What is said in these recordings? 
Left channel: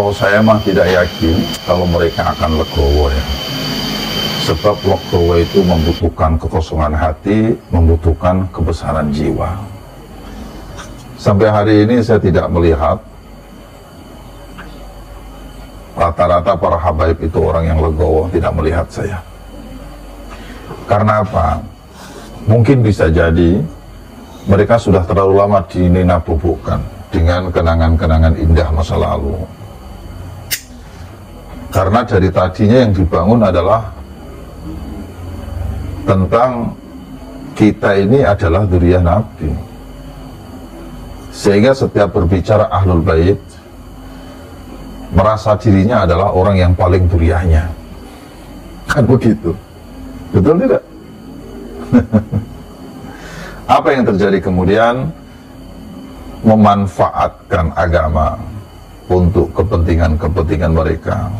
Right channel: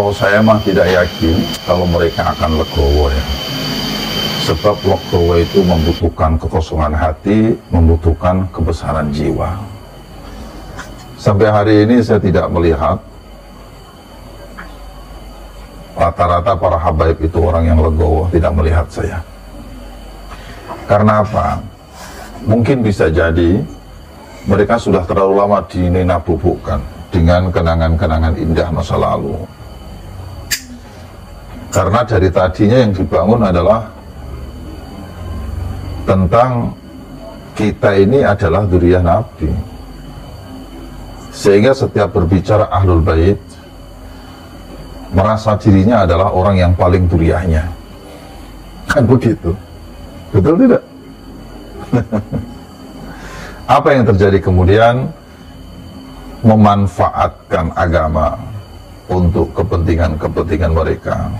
Kalau saya mah tidak yakin kalau mereka akan legowo ya. Sebab legowo itu membutuhkan kekosongan hati, membutuhkan kebesaran jiwa. Sampai hari ini saya tidak melihat rata-rata para habaib itu orang yang legowo, tidak melihat saya. Karena apa? Mungkin bisa jadi mereka sudah terlalu lama dininabubukan dengan kenangan-kenangan indah masa lalu. Karena dari tadinya yang dibangun adalah tentang kita ini adalah dzurriyyah Nabi. Sehingga setiap berbicara Ahlul Bait merasa dirinya adalah orang yang paling dzurriyyahnya. Kan begitu. Betul tidak? Apa yang terjadi kemudian? Memanfaatkan agama untuk kepentingan-kepentingan mereka.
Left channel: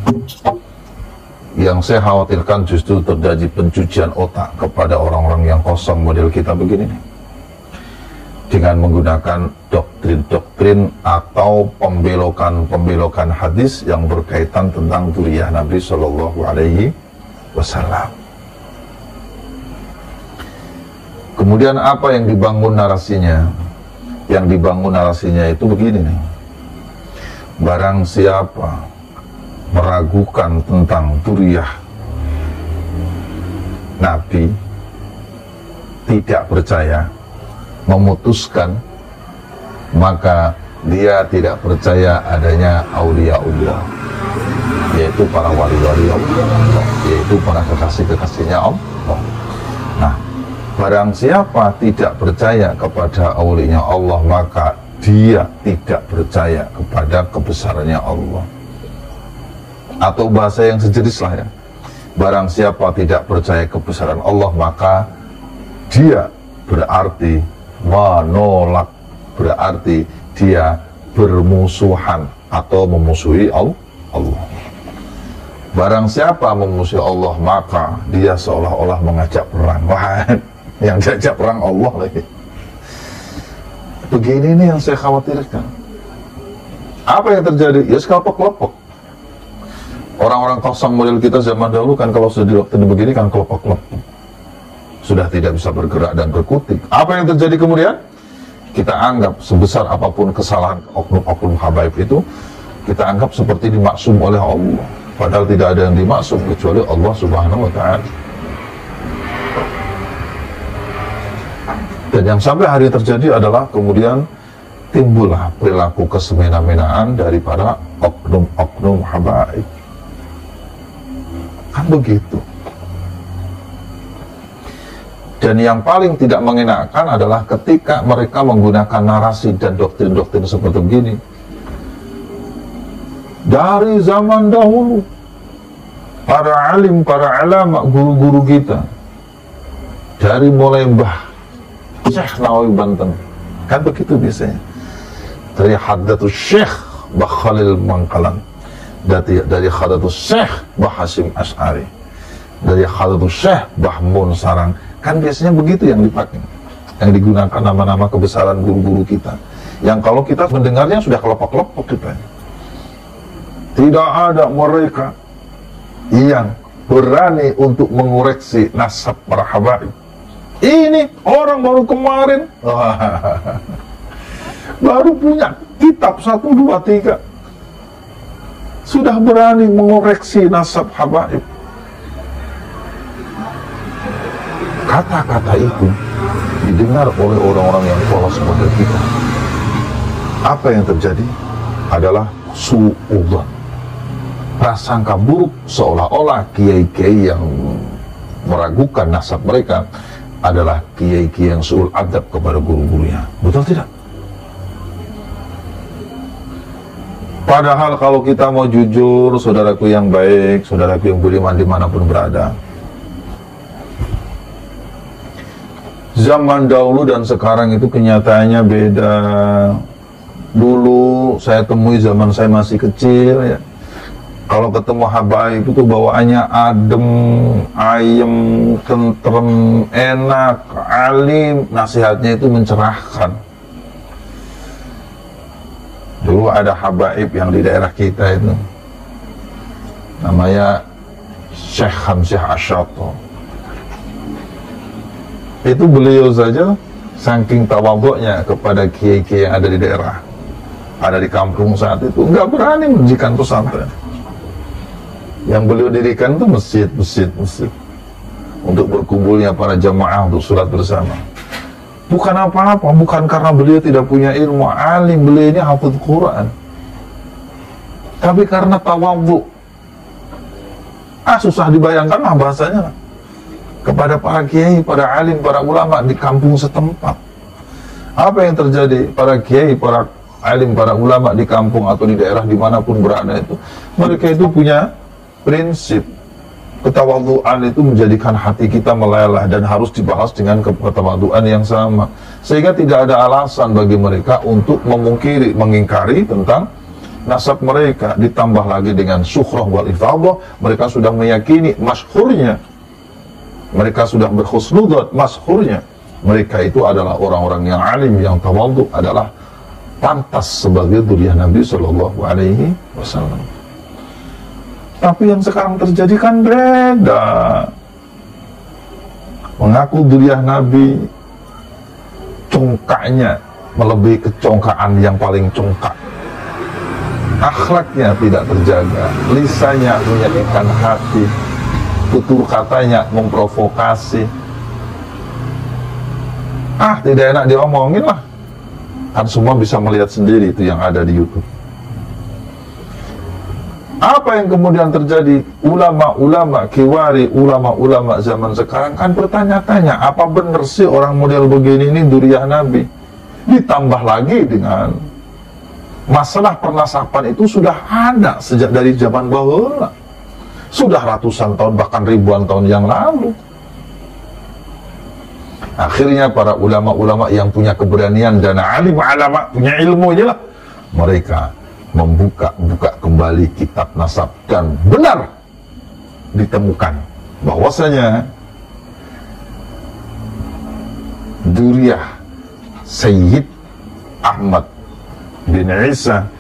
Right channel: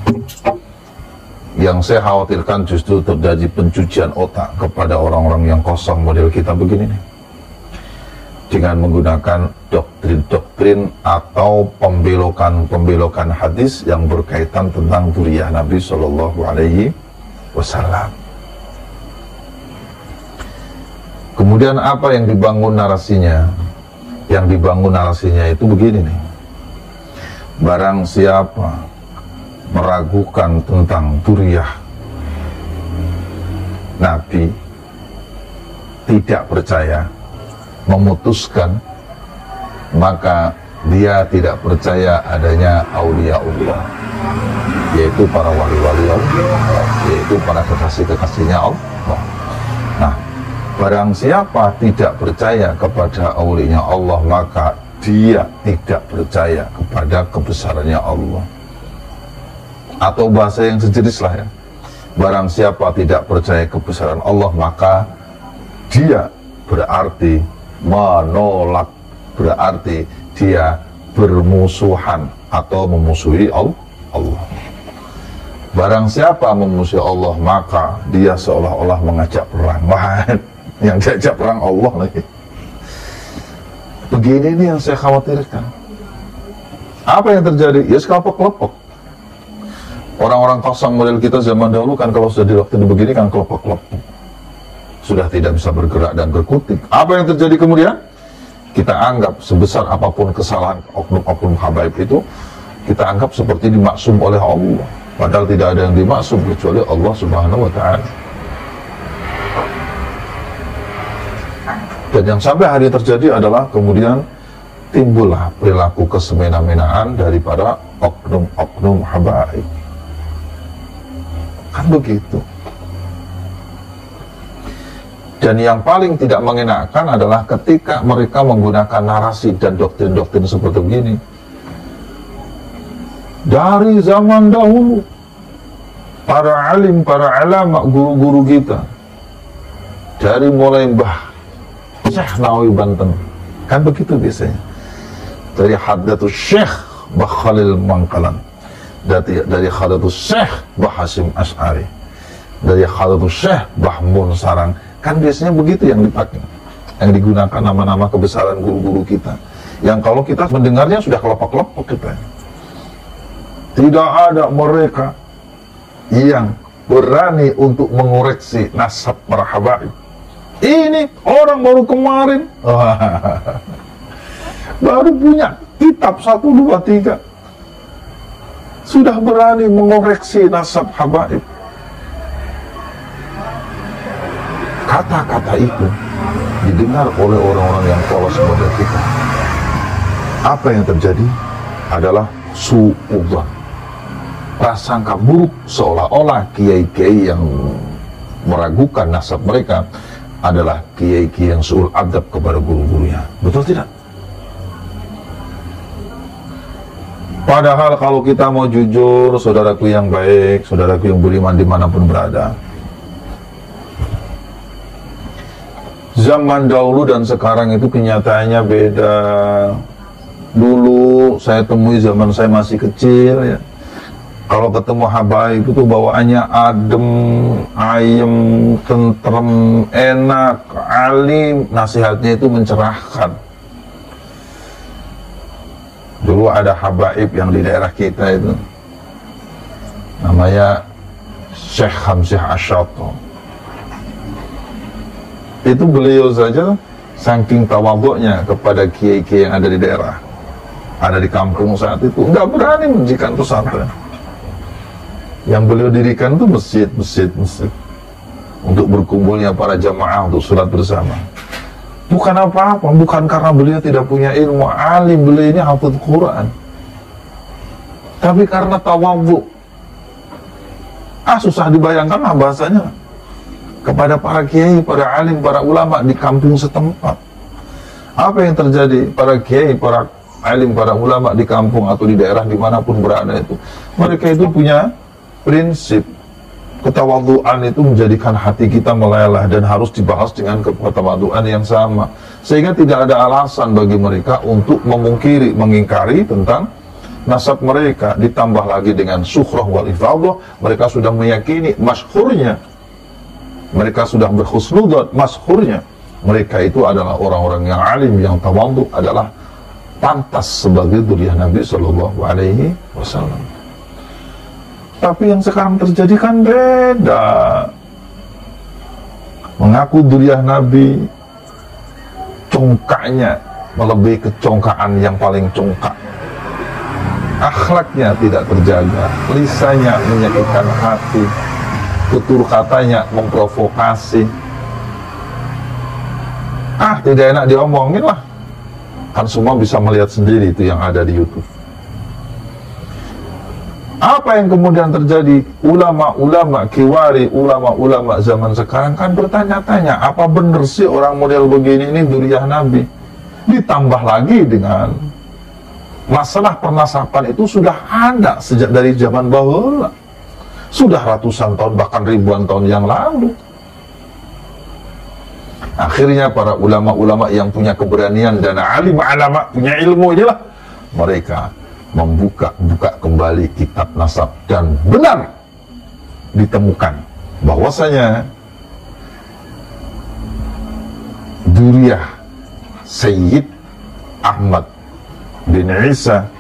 Yang saya khawatirkan justru terjadi pencucian otak kepada orang-orang yang kosong model kita begini nih. Dengan menggunakan doktrin-doktrin atau pembelokan-pembelokan hadis yang berkaitan tentang dzurriyyah Nabi Shallallahu Alaihi Wasallam. Kemudian apa yang dibangun narasinya? Yang dibangun narasinya itu begini nih. Barang siapa meragukan tentang dzurriyyah Nabi, tidak percaya, memutuskan, maka dia tidak percaya adanya auliaullah, yaitu para wali-wali Allah, yaitu para kekasih-kekasihnya Allah. Nah, barang siapa tidak percaya kepada aulinya Allah, maka dia tidak percaya kepada kebesarannya Allah. Atau bahasa yang sejenis lah ya. Barang siapa tidak percaya kebesaran Allah, maka dia berarti menolak, berarti dia bermusuhan atau memusuhi Allah. Barang siapa memusuhi Allah, maka dia seolah-olah mengajak perang. Wah, yang diajak perang Allah lagi. Begini nih yang saya khawatirkan. Apa yang terjadi? Ya kelompok-kelompok. Orang-orang kosong model kita zaman dahulu kan kalau sudah didoktrin begini kan kelompok-kelompok. Sudah tidak bisa bergerak dan berkutik. Apa yang terjadi kemudian? Kita anggap sebesar apapun kesalahan oknum-oknum habaib itu, kita anggap seperti dimaksum oleh Allah. Padahal tidak ada yang dimaksum kecuali Allah Subhanahu wa Ta'ala. Dan yang sampai hari terjadi adalah kemudian timbullah perilaku kesemena-menaan daripada oknum-oknum habaib. Kan begitu. Dan yang paling tidak mengenakan adalah ketika mereka menggunakan narasi dan doktrin-doktrin seperti begini. Dari zaman dahulu, para alim, para ulama, guru-guru kita, dari mulai Mbah Syekh Nawawi Banten, kan begitu biasanya. Dari Hadratus Syekh Mbah Khalil Bangkalan, dari Hadratus Syekh Mbah Hasyim Asy'ari, dari Hadratus Syekh Mbah Mun Sarang, kan biasanya begitu yang dipakai, yang digunakan nama-nama kebesaran guru-guru kita, yang kalau kita mendengarnya sudah kelopak-kelopak kita. Tidak ada mereka yang berani untuk mengoreksi nasab para habaib. Ini orang baru kemarin baru punya kitab 1, 2, 3 sudah berani mengoreksi nasab habaib. Kata-kata itu didengar oleh orang-orang yang polos pada kita. Apa yang terjadi adalah su'udzon, prasangka buruk, seolah-olah kiai-kiai yang meragukan nasab mereka adalah kiai-kiai yang su'ul adab kepada guru-gurunya. Betul tidak? Padahal kalau kita mau jujur, saudaraku yang baik, saudaraku yang beriman dimanapun berada, zaman dahulu dan sekarang itu kenyataannya beda. Dulu saya temui zaman saya masih kecil ya, kalau ketemu habaib itu bawaannya adem, ayem, tentrem, enak, alim, nasihatnya itu mencerahkan. Dulu ada habaib yang di daerah kita itu, namanya Syekh Hamzah Asyato. Itu beliau saja saking tawaduknya kepada kiai-kiai yang ada di daerah, ada di kampung saat itu, nggak berani mendirikan pesantren. Yang beliau dirikan itu masjid untuk berkumpulnya para jamaah untuk sholat bersama. Bukan apa-apa, bukan karena beliau tidak punya ilmu alim, beliau ini hafidz Quran, tapi karena tawadhu. Susah dibayangkan lah bahasanya lah, kepada para kiai, para alim, para ulama di kampung setempat. Apa yang terjadi? Para kiai, para alim, para ulama di kampung atau di daerah dimanapun berada itu, mereka itu punya prinsip ketawaduan itu menjadikan hati kita meleleh dan harus dibahas dengan ketawaduan yang sama, sehingga tidak ada alasan bagi mereka untuk mengingkari tentang nasab mereka. Ditambah lagi dengan syuhrah wal ifadah, mereka sudah meyakini masyhurnya, mereka sudah berhusnudzon masyhurnya mereka itu adalah orang-orang yang alim, yang tawadhu, adalah pantas sebagai dzurriyyah Nabi Shallallahu Alaihi Wasallam. Tapi yang sekarang terjadi kan beda. Mengaku dzurriyyah Nabi, congkaknya melebihi kecongkaan yang paling congkak. Akhlaknya tidak terjaga, lisannya menyakitkan hati, tutur katanya memprovokasi. Tidak enak diomongin lah. Kan semua bisa melihat sendiri itu yang ada di YouTube. Apa yang kemudian terjadi? Ulama-ulama kiwari, ulama-ulama zaman sekarang kan bertanya-tanya, apa benar sih orang model begini ini dzurriyyah Nabi? Ditambah lagi dengan masalah pernasaban itu sudah ada sejak dari zaman bahula, sudah ratusan tahun bahkan ribuan tahun yang lalu. Akhirnya para ulama-ulama yang punya keberanian dan alim ulama punya ilmu inilah, mereka membuka kembali kitab nasab dan benar ditemukan bahwasanya dzurriyyah Sayyid Ahmad bin Isa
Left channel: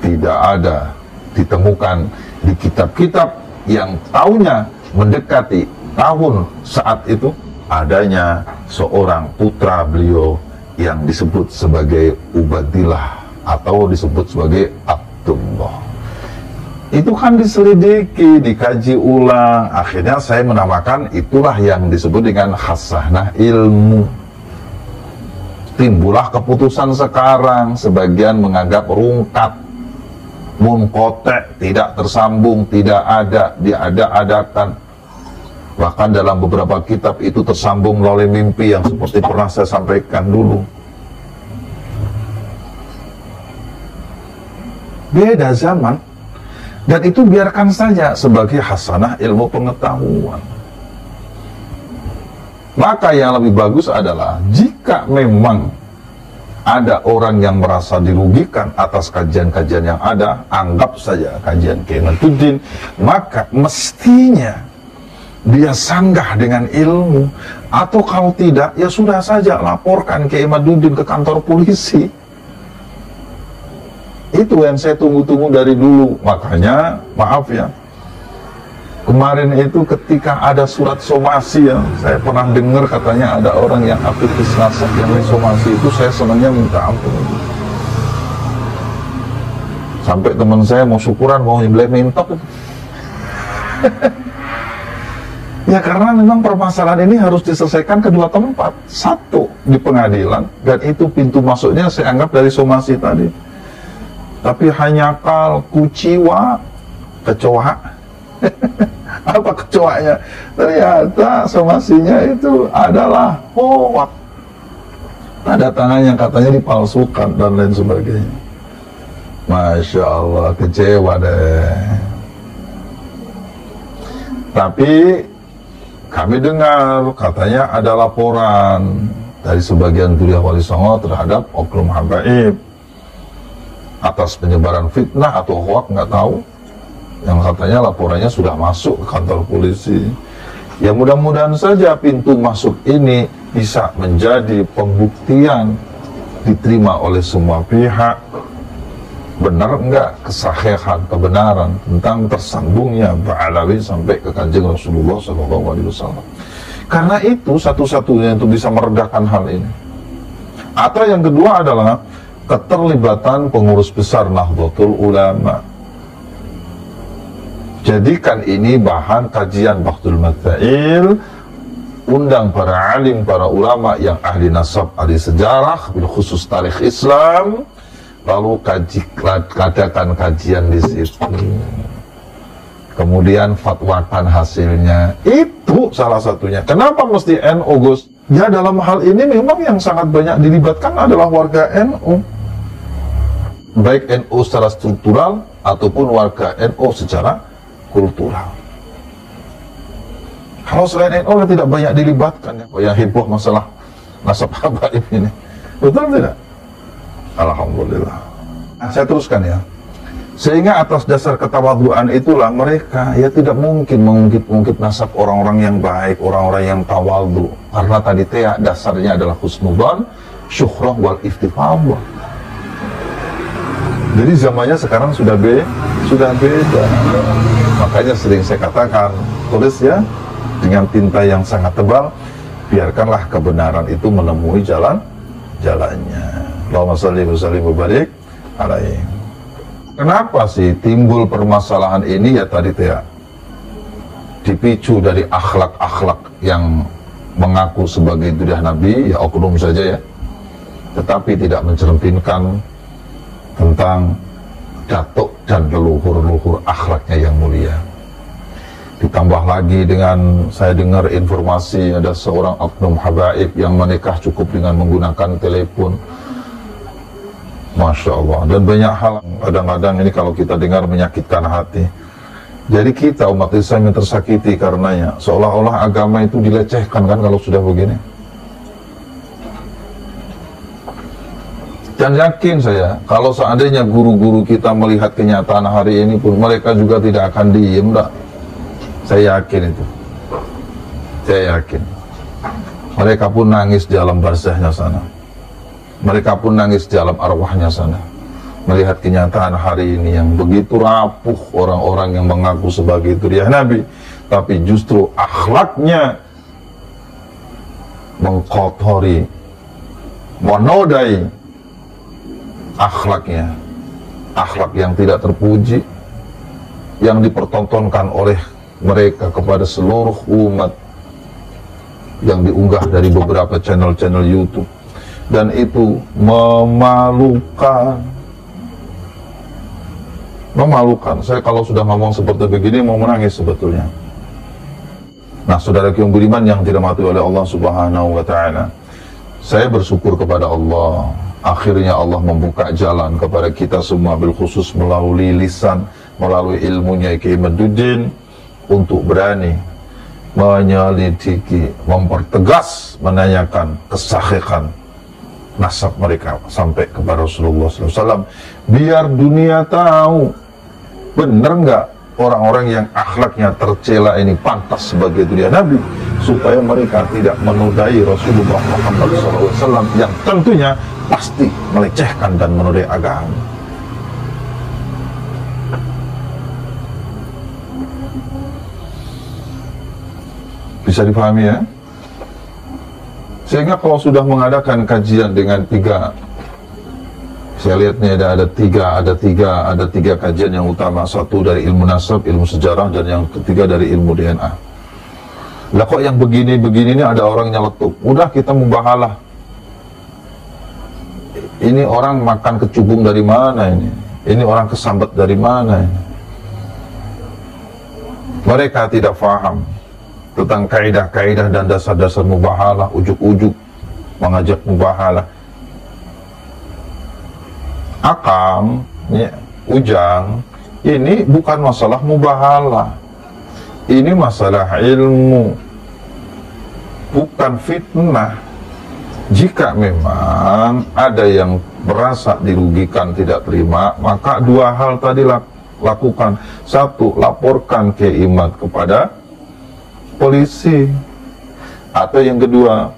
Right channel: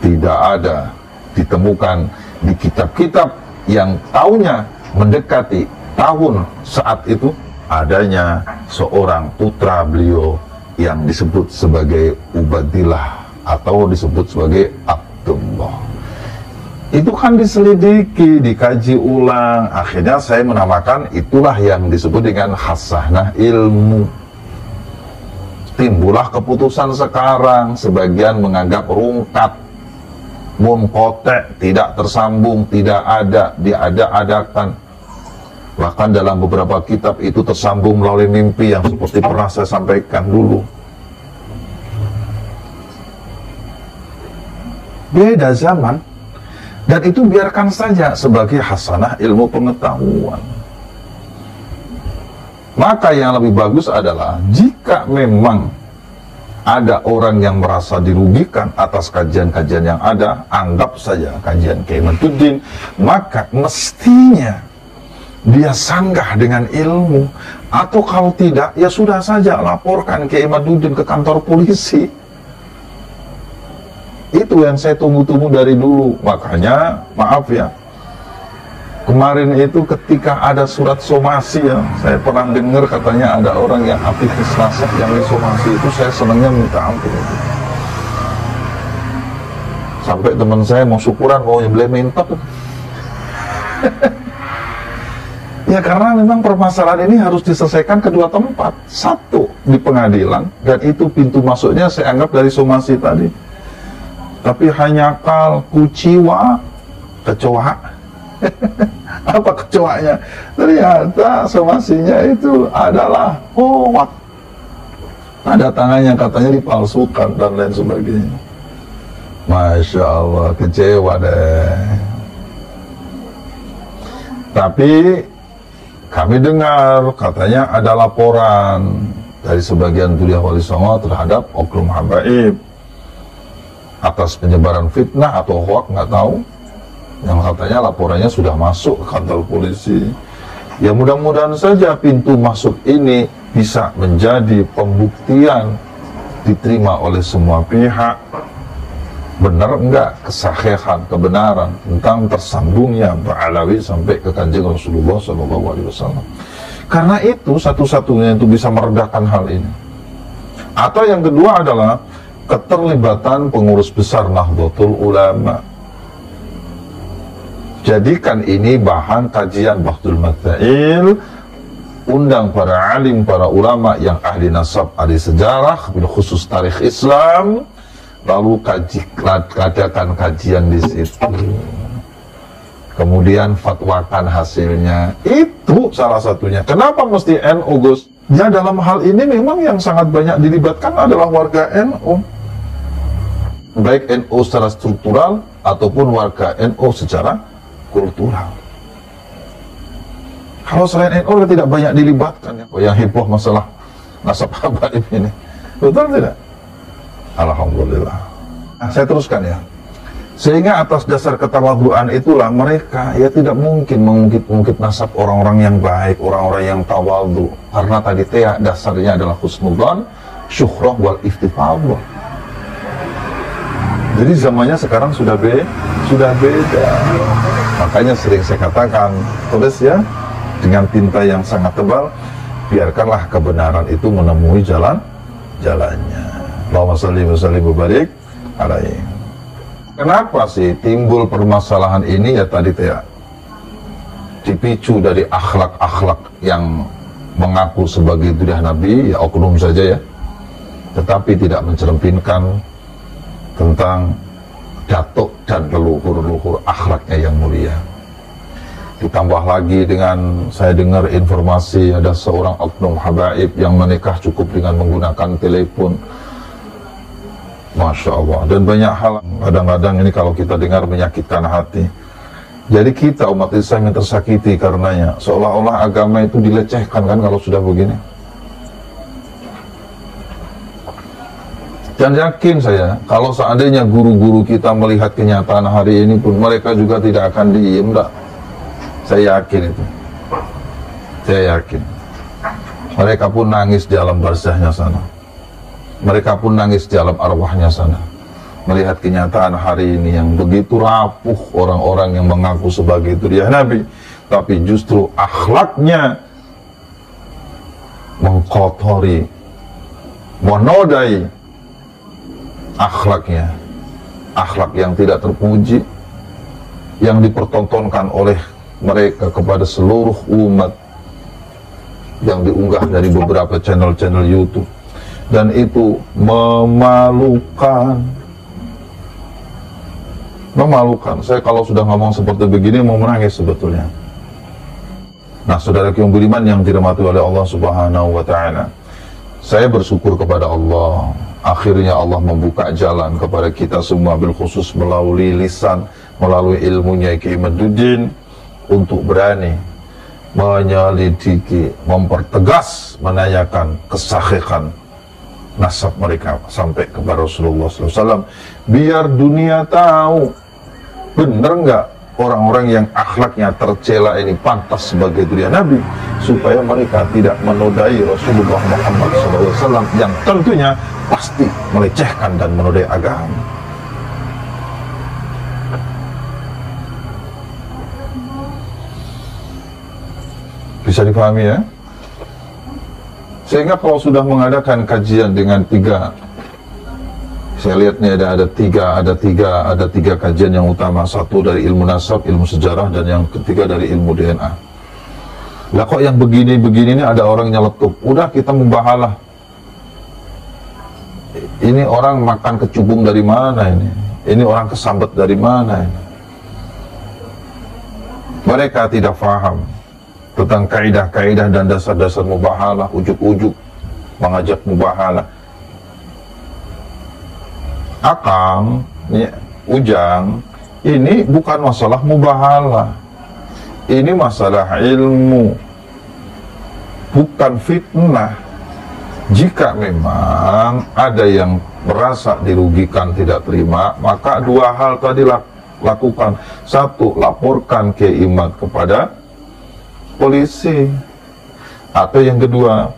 tidak ada ditemukan di kitab-kitab yang tahunnya mendekati tahun saat itu adanya seorang putra beliau yang disebut sebagai Ubadillah atau disebut sebagai Abdullah. Itu kan diselidiki, dikaji ulang, akhirnya saya menamakan itulah yang disebut dengan khasanah ilmu. Timbullah keputusan sekarang, sebagian menganggap rungkat, munqati', tidak tersambung, tidak ada, diada-adakan. Bahkan dalam beberapa kitab itu tersambung melalui mimpi yang seperti pernah saya sampaikan dulu. Beda zaman, dan itu biarkan saja sebagai hasanah ilmu pengetahuan. Maka yang lebih bagus adalah jika memang ada orang yang merasa dirugikan atas kajian-kajian yang ada, anggap saja kajian Kiai Imaduddin, maka mestinya dia sanggah dengan ilmu, atau kalau tidak ya sudah saja laporkan Kiai Imaduddin ke kantor polisi. Itu yang saya tunggu-tunggu dari dulu. Makanya maaf ya, kemarin itu ketika ada surat somasi ya, saya pernah dengar katanya ada orang yang hafidz Islasah yang disomasi, itu saya senangnya minta ampun. Sampai teman saya mau syukuran, mau nyembelih mentok. Ya karena memang permasalahan ini harus diselesaikan kedua tempat. Satu di pengadilan, dan itu pintu masuknya saya anggap dari somasi tadi. Tapi hanya kal kuciwa kecoa. Apa kecoanya? Ternyata somasinya itu adalah hoak. Ada tangannya katanya dipalsukan dan lain sebagainya. Masya Allah, kecewa deh. Tapi kami dengar katanya ada laporan dari sebagian dzurriyyah Wali Songo terhadap oknum habaib atas penyebaran fitnah atau hoak, nggak tahu, yang katanya laporannya sudah masuk ke kantor polisi. Ya mudah-mudahan saja pintu masuk ini bisa menjadi pembuktian, diterima oleh semua pihak, benar enggak kesahihan, kebenaran tentang tersambungnya Ba'alawi sampai ke Kanjeng Rasulullah SAW. Karena itu satu-satunya untuk bisa meredakan hal ini. Atau yang kedua adalah keterlibatan pengurus besar Nahdlatul Ulama. Jadikan ini bahan kajian Bahdul Matsail, undang para alim, para ulama yang ahli nasab, ahli sejarah, bil khusus tarikh Islam, lalu adakan kajian di situ. Kemudian fatwakan hasilnya. Itu salah satunya. Kenapa mesti NU, Gus? Ya dalam hal ini memang yang sangat banyak dilibatkan adalah warga NU. Baik NU secara struktural ataupun warga NU secara kultural. Kalau selain NU tidak banyak dilibatkan ya, yang heboh masalah nasab habaib ini. Betul tidak? Alhamdulillah. Nah, saya teruskan ya. Sehingga atas dasar ketawaduan itulah mereka ya tidak mungkin mengungkit-ungkit nasab orang-orang yang baik, orang-orang yang tawadu. Karena tadi dasarnya adalah husnudzan, syuhrah wal iftifadhah. Jadi zamannya sekarang sudah beda. Makanya sering saya katakan, tulis ya dengan tinta yang sangat tebal, biarkanlah kebenaran itu menemui jalannya. Allahumma shalli wa sallim wa barik alaihi. Kenapa sih timbul permasalahan ini? Ya tadi ya, dipicu dari akhlak-akhlak yang mengaku sebagai dudah Nabi, ya oknum saja ya, tetapi tidak mencerminkan tentang datuk dan leluhur-leluhur akhlaknya yang mulia. Ditambah lagi dengan saya dengar informasi ada seorang oknum habaib yang menikah cukup dengan menggunakan telepon. Masya Allah. Dan banyak hal kadang-kadang ini kalau kita dengar menyakitkan hati. Jadi kita umat Islam yang tersakiti karenanya. Seolah-olah agama itu dilecehkan kan kalau sudah begini. Dan yakin saya, kalau seandainya guru-guru kita melihat kenyataan hari ini pun, mereka juga tidak akan diem, dah. Saya yakin itu. Saya yakin. Mereka pun nangis di alam barzahnya sana. Mereka pun nangis di alam arwahnya sana. Melihat kenyataan hari ini yang begitu rapuh orang-orang yang mengaku sebagai itu dia Nabi. Tapi justru akhlaknya mengkotori, menodai akhlaknya. Akhlak yang tidak terpuji, yang dipertontonkan oleh mereka kepada seluruh umat, yang diunggah dari beberapa channel-channel YouTube. Dan itu memalukan. Memalukan. Saya kalau sudah ngomong seperti begini mau menangis sebetulnya. Nah, saudara yang beriman yang dirahmati oleh Allah Subhanahu wa Ta'ala, saya bersyukur kepada Allah. Akhirnya Allah membuka jalan kepada kita semua, bilkhusus melalui lisan, melalui ilmunya Kiai Maduddin, untuk berani menyelidiki, mempertegas, menanyakan kesahihan nasab mereka sampai kepada Rasulullah SAW, biar dunia tahu benar nggak orang-orang yang akhlaknya tercela ini pantas sebagai dunia Nabi, supaya mereka tidak menodai Rasulullah Muhammad SAW yang tentunya pasti melecehkan dan menodai agama. Bisa dipahami ya? Sehingga kalau sudah mengadakan kajian dengan tiga, saya lihat nih ada tiga kajian yang utama. Satu dari ilmu nasab, ilmu sejarah, dan yang ketiga dari ilmu DNA. Lah kok yang begini-begini ini ada orang nyeletuk. Udah kita mubahalah. Ini orang makan kecubung dari mana ini? Ini orang kesambet dari mana ini? Mereka tidak faham tentang kaidah-kaidah dan dasar-dasar mubahalah, ujuk-ujuk mengajak mubahalah. Akam, ya, Ujang, ini bukan masalah mubahalah. Ini masalah ilmu, bukan fitnah. Jika memang ada yang merasa dirugikan, tidak terima, maka dua hal tadi lakukan. Satu, laporkan keimat kepada polisi. Atau yang kedua,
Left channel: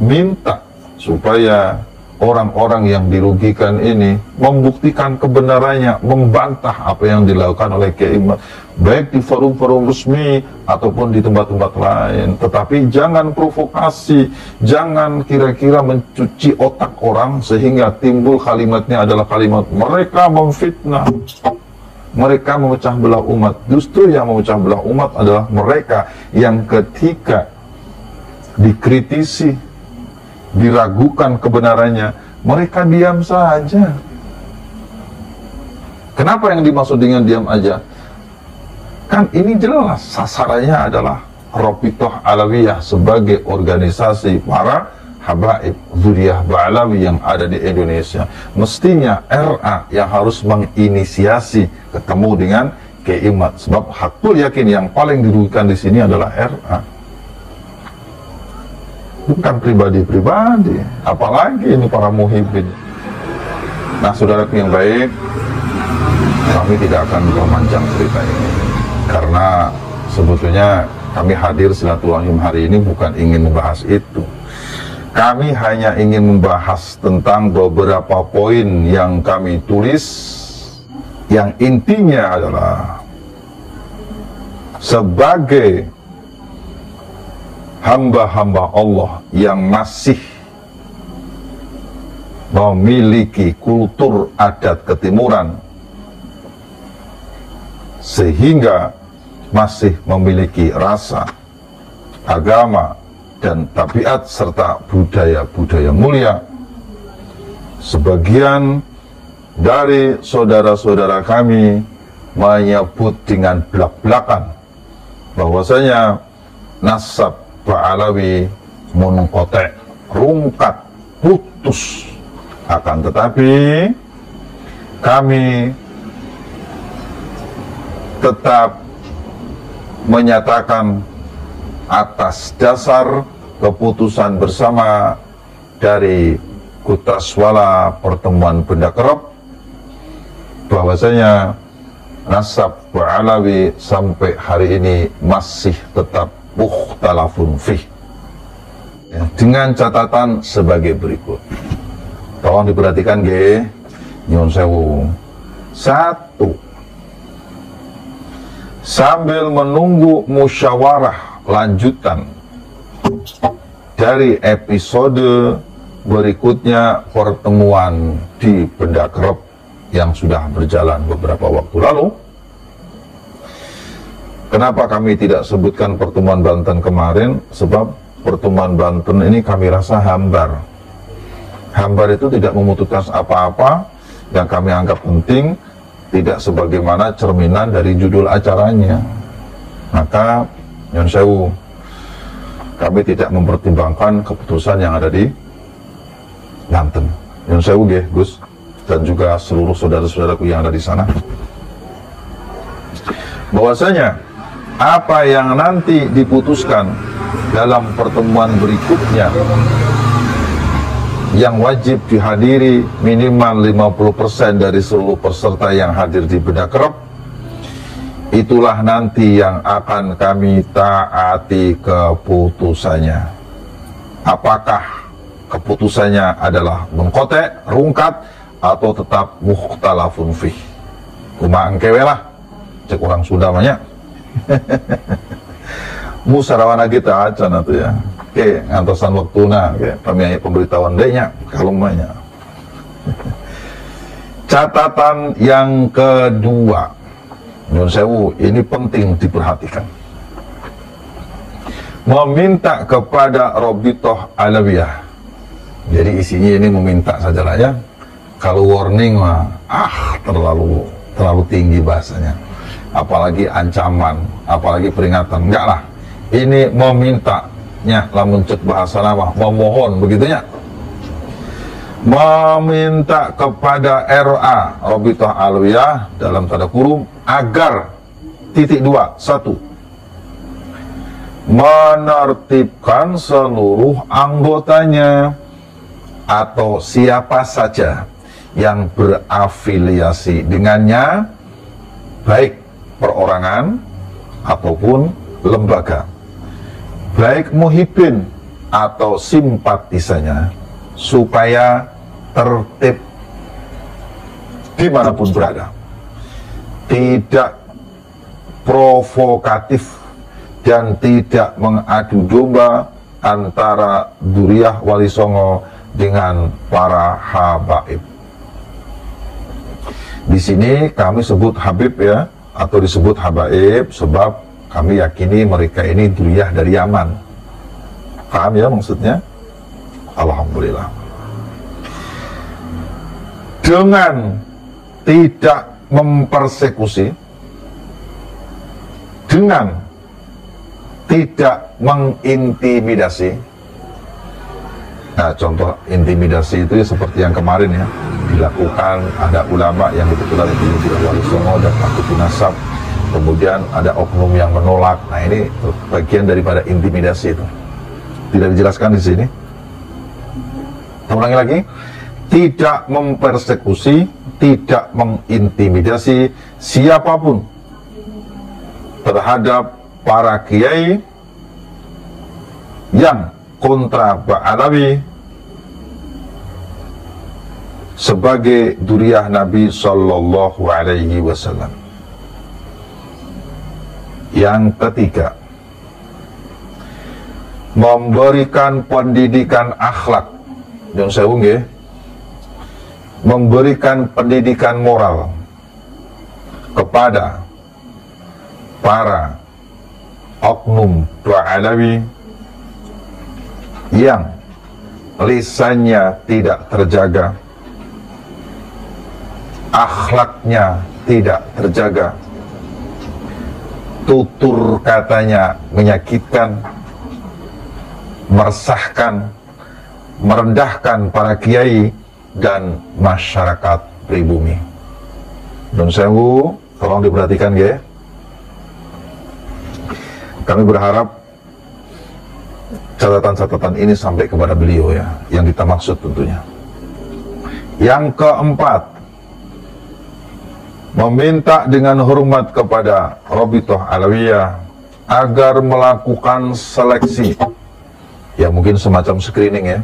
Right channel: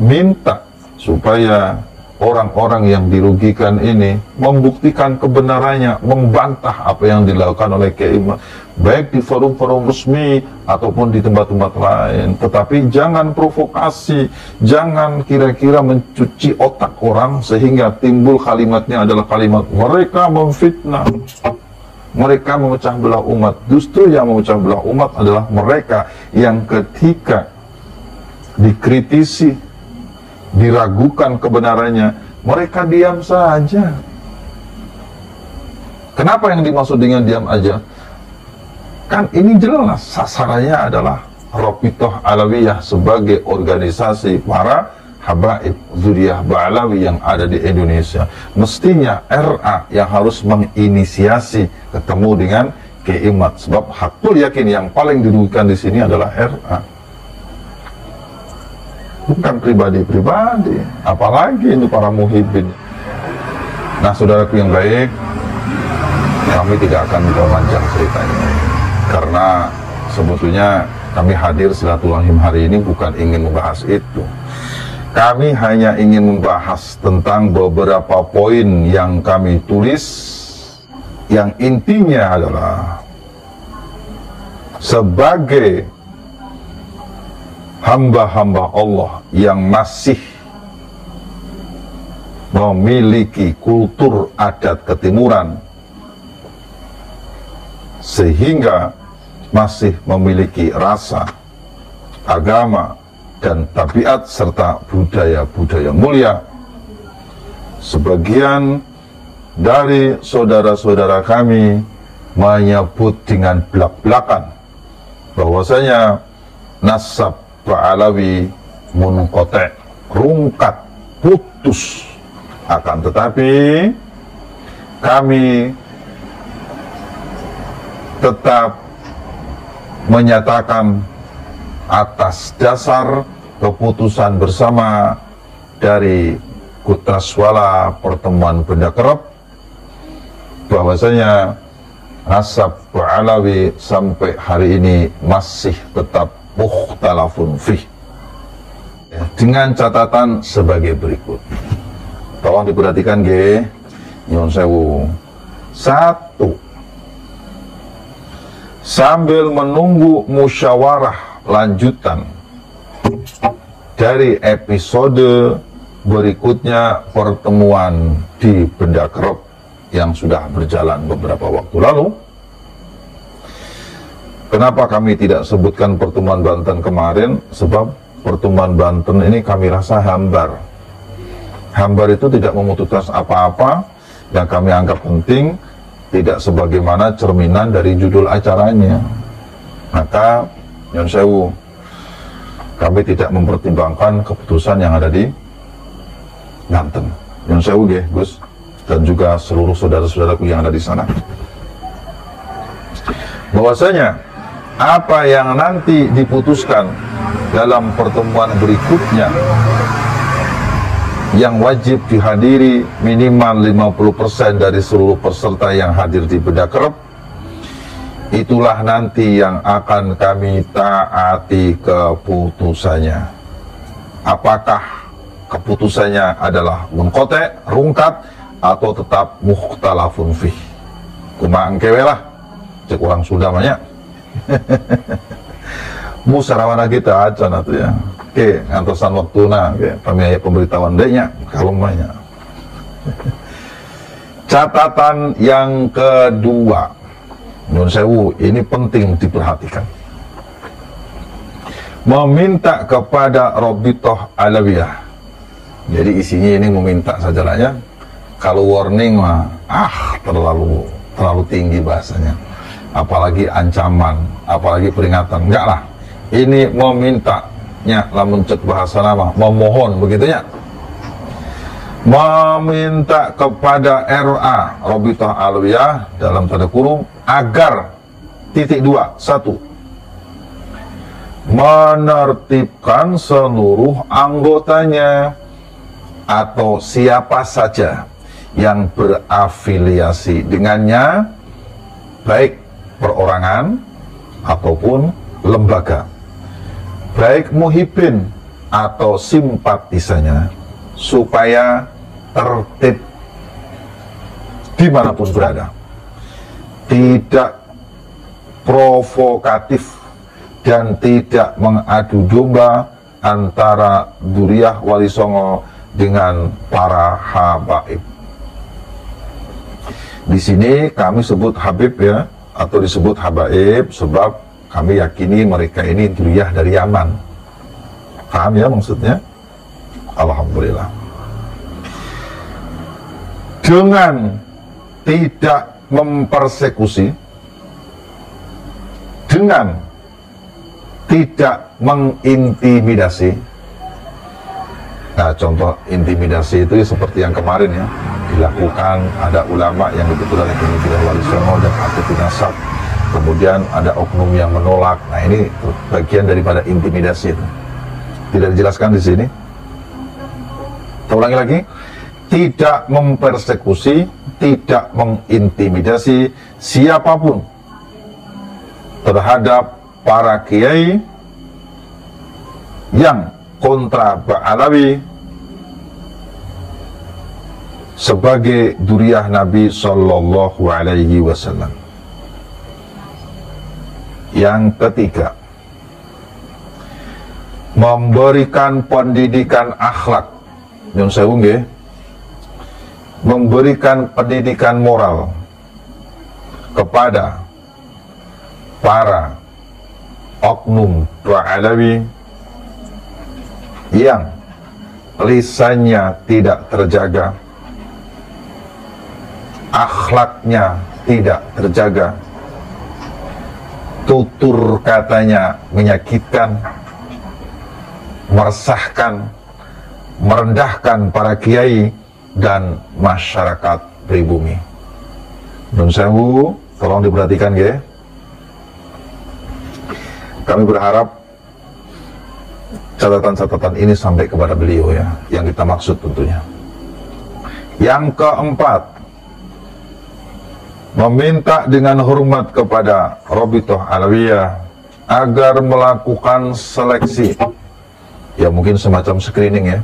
minta supaya orang-orang yang dirugikan ini membuktikan kebenarannya, membantah apa yang dilakukan oleh Kiai Imad, baik di forum-forum resmi ataupun di tempat-tempat lain. Tetapi jangan provokasi, jangan kira-kira mencuci otak orang sehingga timbul kalimatnya adalah kalimat mereka memfitnah, mereka memecah belah umat. Justru yang memecah belah umat adalah mereka yang ketika dikritisi, diragukan kebenarannya, mereka diam saja. Kenapa yang dimaksud dengan diam aja? Kan ini jelas sasarannya adalah Rabithah Alawiyah sebagai organisasi para habaib Dzurriyyah Ba'alawi yang ada di Indonesia. Mestinya RA yang harus menginisiasi ketemu dengan Kiai Imad, sebab hakul yakin yang paling dirugikan di sini adalah RA, bukan pribadi-pribadi, apalagi ini para muhibin. Nah, saudaraku yang baik, kami tidak akan memanjang ceritanya, karena sebetulnya kami hadir silaturahim hari ini bukan ingin membahas itu. Kami hanya ingin membahas tentang beberapa poin yang kami tulis, yang intinya adalah sebagai hamba-hamba Allah yang masih memiliki kultur adat ketimuran, sehingga masih memiliki rasa, agama, dan tabiat serta budaya-budaya mulia. Sebagian dari saudara-saudara kami menyebut dengan belak-belakan bahwasanya nasab Ba'alawi munqati', rungkat, putus. Akan tetapi kami tetap menyatakan atas dasar keputusan bersama dari Kutraswala Pertemuan Benda Kerep bahwasanya nasab Ba'alawi sampai hari ini masih tetap mukhtalafun fih, dengan catatan sebagai berikut. Tolong diperhatikan ge, nyun sewu. 1. Sambil menunggu musyawarah lanjutan dari episode berikutnya pertemuan di Benda Kerep yang sudah berjalan beberapa waktu lalu. Kenapa kami tidak sebutkan pertemuan Banten kemarin? Sebab pertemuan Banten ini kami rasa hambar. Hambar itu tidak memutuskan apa-apa, dan kami anggap penting tidak sebagaimana cerminan dari judul acaranya. Maka nyun sewu, kami tidak mempertimbangkan keputusan yang ada di Banten. Nyun sewu nggih, Gus, dan juga seluruh saudara-saudaraku yang ada di sana, bahwasanya apa yang nanti diputuskan dalam pertemuan berikutnya yang wajib dihadiri minimal 50% dari seluruh peserta yang hadir di Benda Kerep, itulah nanti yang akan kami taati keputusannya. Apakah keputusannya adalah munqati', rungkat, atau tetap mukhtalafun fih? Kumaha engkewe lah, cek orang Sunda banyak. Musarawana kita aja nanti ya. Oke, ngantosan waktuna, pemiaya pemberitahuan dehnya, kalau banyak. Catatan yang kedua, menurut saya ini penting diperhatikan. Meminta kepada Rabithah Alawiyah. Jadi isinya ini meminta saja lah ya. Kalau warning mah, terlalu tinggi bahasanya. Apalagi ancaman, apalagi peringatan, enggak lah. Ini memintanya, lamun cek bahasa nama, memohon, begitunya. Meminta kepada RA Rabithah Alawiyah dalam tanda kurung agar (2) 1. Menertibkan seluruh anggotanya atau siapa saja yang berafiliasi dengannya, baik perorangan ataupun lembaga, baik muhibin atau simpatisannya, supaya tertib dimanapun berada, tidak provokatif dan tidak mengadu domba antara Dzurriyyah Wali Songo dengan para habaib. Di sini kami sebut Habib ya, atau disebut habaib sebab kami yakini mereka ini dzurriyyah dari Yaman. Paham ya maksudnya? Alhamdulillah. Dengan tidak mempersekusi, dengan tidak mengintimidasi. Nah, contoh intimidasi itu seperti yang kemarin ya, dilakukan ada ulama yang diputuskan oleh Dzurriyyah Wali Songo dan Aktif Nasab, kemudian ada oknum yang menolak. Nah, ini bagian daripada intimidasi itu. Tidak dijelaskan di sini. Saya ulangi lagi, tidak mempersekusi, tidak mengintimidasi siapapun terhadap para kiai yang kontra Ba'alawi sebagai dzurriyyah Nabi Sallallahu Alaihi Wasallam. Yang ketiga, memberikan pendidikan akhlak dan saya unggah, memberikan pendidikan moral kepada para oknum Ba'alawi yang lisannya tidak terjaga, akhlaknya tidak terjaga, tutur katanya menyakitkan, meresahkan, merendahkan para kiai dan masyarakat pribumi. Nun sewu, tolong diperhatikan ya. Kami berharap catatan-catatan ini sampai kepada beliau ya, yang kita maksud tentunya. Yang keempat, meminta dengan hormat kepada Rabithah Alawiyah agar melakukan seleksi, ya mungkin semacam screening ya,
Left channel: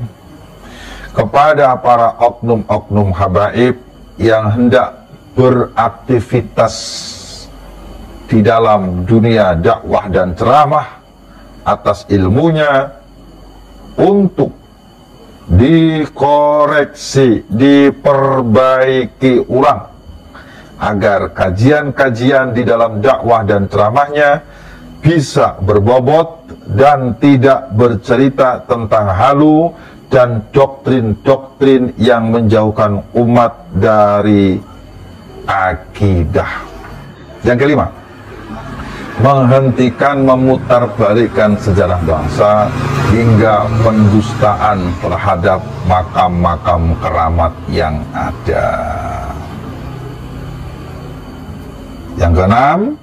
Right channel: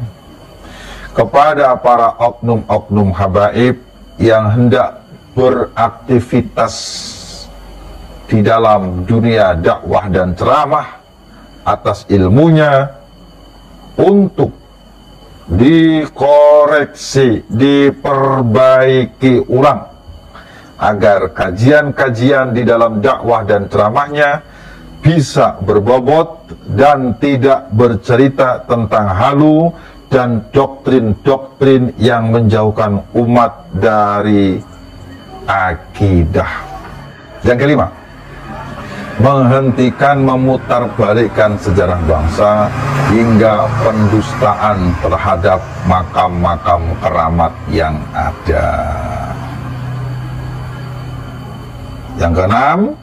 kepada para oknum-oknum habaib yang hendak beraktivitas di dalam dunia dakwah dan ceramah atas ilmunya, untuk dikoreksi, diperbaiki ulang agar kajian-kajian di dalam dakwah dan ceramahnya bisa berbobot dan tidak bercerita tentang halu dan doktrin-doktrin yang menjauhkan umat dari akidah. Yang kelima, menghentikan memutarbalikkan sejarah bangsa hingga pendustaan terhadap makam-makam keramat yang ada. Yang keenam,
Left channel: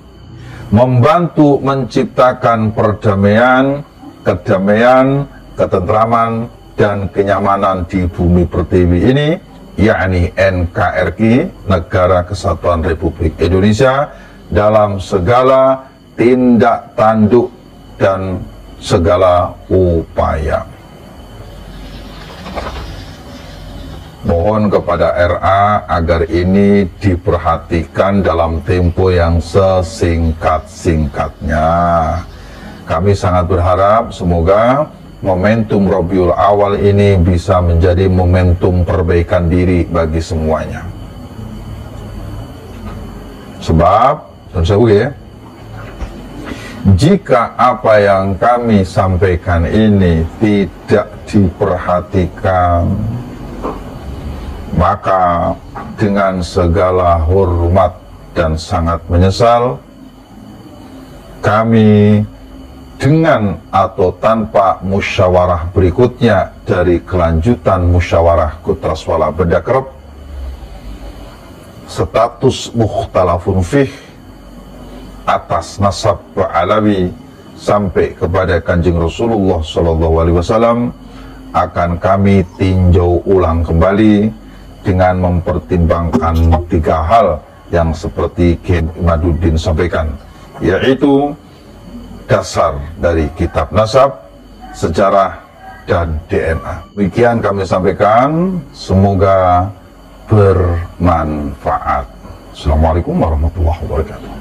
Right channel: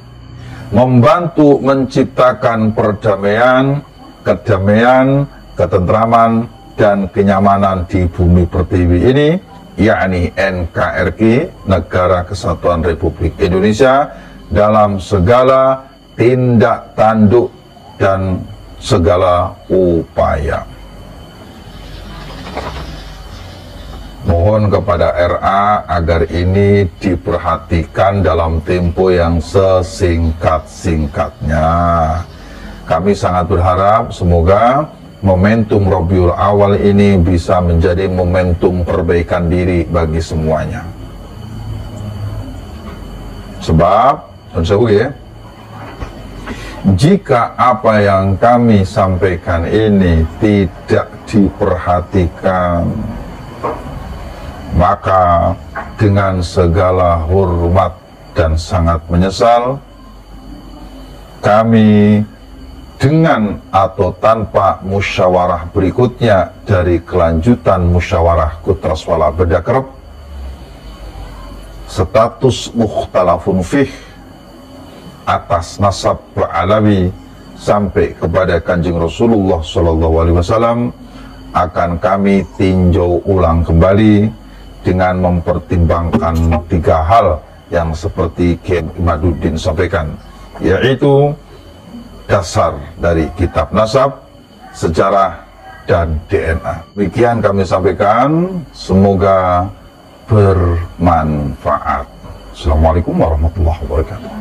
membantu menciptakan perdamaian, kedamaian, ketentraman, dan kenyamanan di bumi pertiwi ini, yakni NKRI, Negara Kesatuan Republik Indonesia, dalam segala tindak tanduk dan segala upaya. Mohon kepada RA agar ini diperhatikan dalam tempo yang sesingkat-singkatnya. Kami sangat berharap semoga momentum Rabiul Awal ini bisa menjadi momentum perbaikan diri bagi semuanya. Sebab, dan saya jika apa yang kami sampaikan ini tidak diperhatikan, maka dengan segala hormat dan sangat menyesal, kami dengan atau tanpa musyawarah berikutnya dari kelanjutan musyawarah Kutraswala Bedakrep, status mukhtalafun fih atas nasab Ba'alawi sampai kepada Kanjeng Rasulullah SAW akan kami tinjau ulang kembali dengan mempertimbangkan 3 hal yang seperti Kiai Imaduddin sampaikan, yaitu dasar dari kitab nasab, sejarah, dan DNA. Demikian kami sampaikan, semoga bermanfaat. Assalamualaikum warahmatullahi wabarakatuh.